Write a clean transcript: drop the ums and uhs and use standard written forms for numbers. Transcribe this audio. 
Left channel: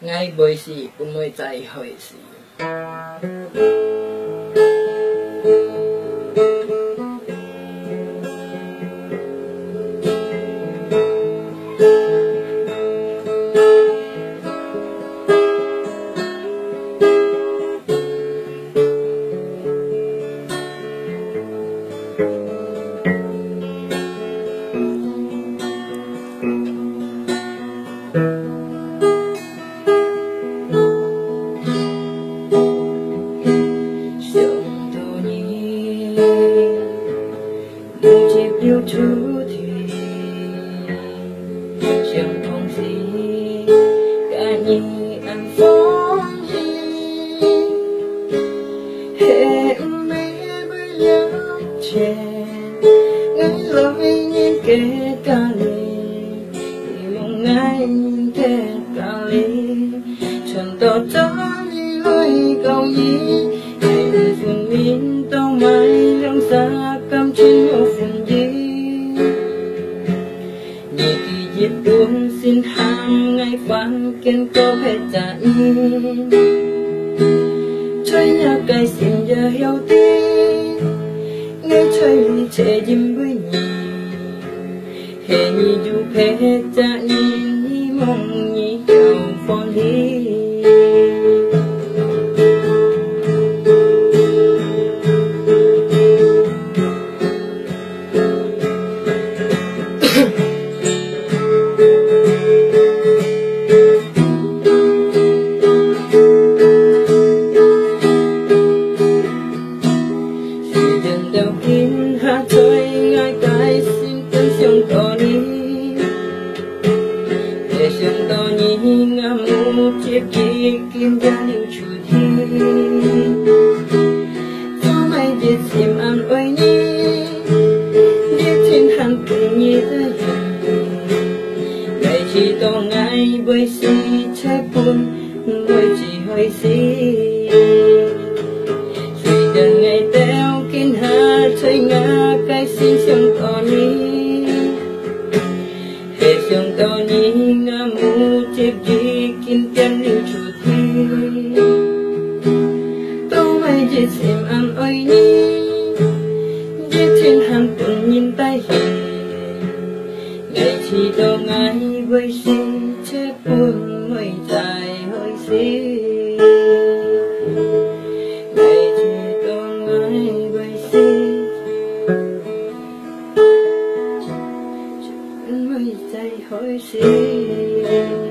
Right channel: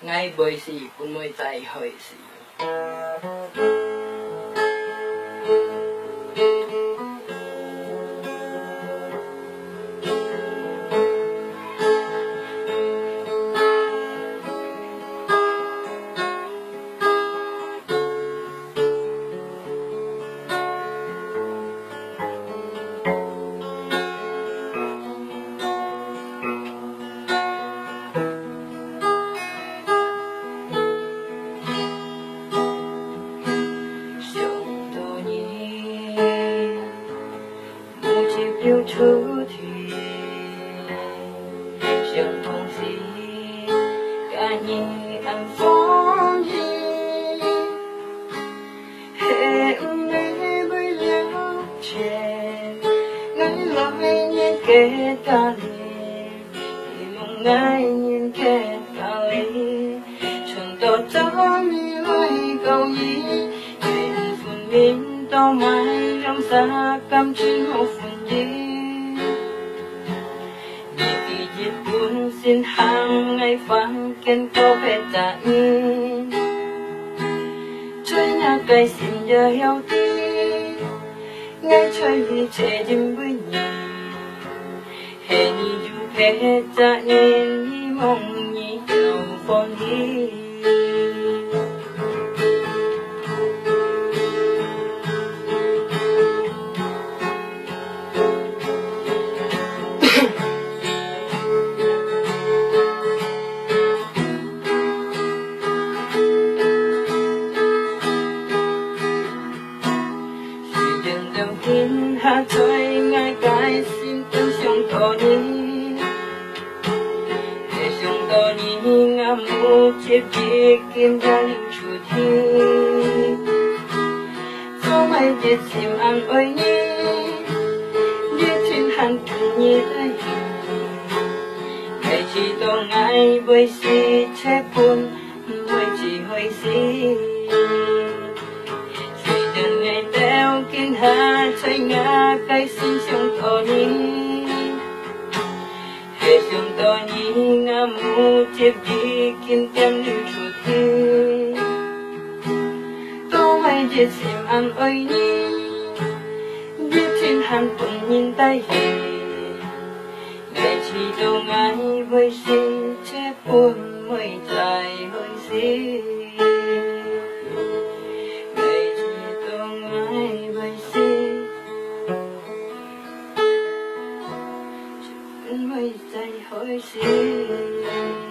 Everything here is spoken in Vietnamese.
ngay bởi gì cũng mới chạy hỏi gì yêu thứ thì chẳng còn gì cả nhì anh phong hi hẹn mê với nhau trẻ ngay lối nhìn kết cả lì mong ngay nhìn kết cả lì chẳng tỏ cho đi lối cầu gì hẹn phun min tao mai trong xa cam chín một phun gì Hãy subscribe xin hàng ngày phán kiến có thể trả in chơi nhà cây xin giờ heo tí ngay chơi đi chơi đêm với nhì hè nhì dù phê trả in nhì mong nhì giàu phong hi hát thôi ngay cái xin tên xuống to nhí để xuống to nhí ngắm nụ chiếc chi kim ra lưu chủ thi dẫu mai biết xem ăn ơi nhí biết thiên hàn cùng nhí tới ngày chỉ to ngay bởi si chép buồn mỗi chỉ hơi si ngày teo kinh hà chơi ngã cây xin xuống to nhí hệ xuống to nhí ngã mu chếp gì kinh tem lưu chủ thi tô mày dễ xem ăn ơi nhí dễ thiên hàn tuần nhìn tay hề ngày chỉ đâu ngay với si chép buồn mới dài hơi si mớiใจhỏi xin